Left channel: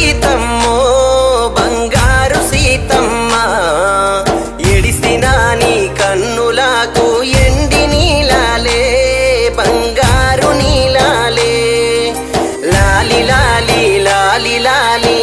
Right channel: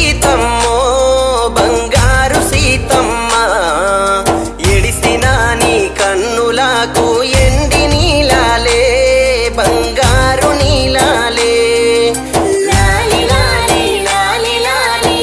సీతమ్మో బంగారు సీతమ్మ, ఎడిసిన నీ కన్నులకు ఎండి నీలాలే బంగారు నీలాలే. లాలి లాలి లాలి లాలి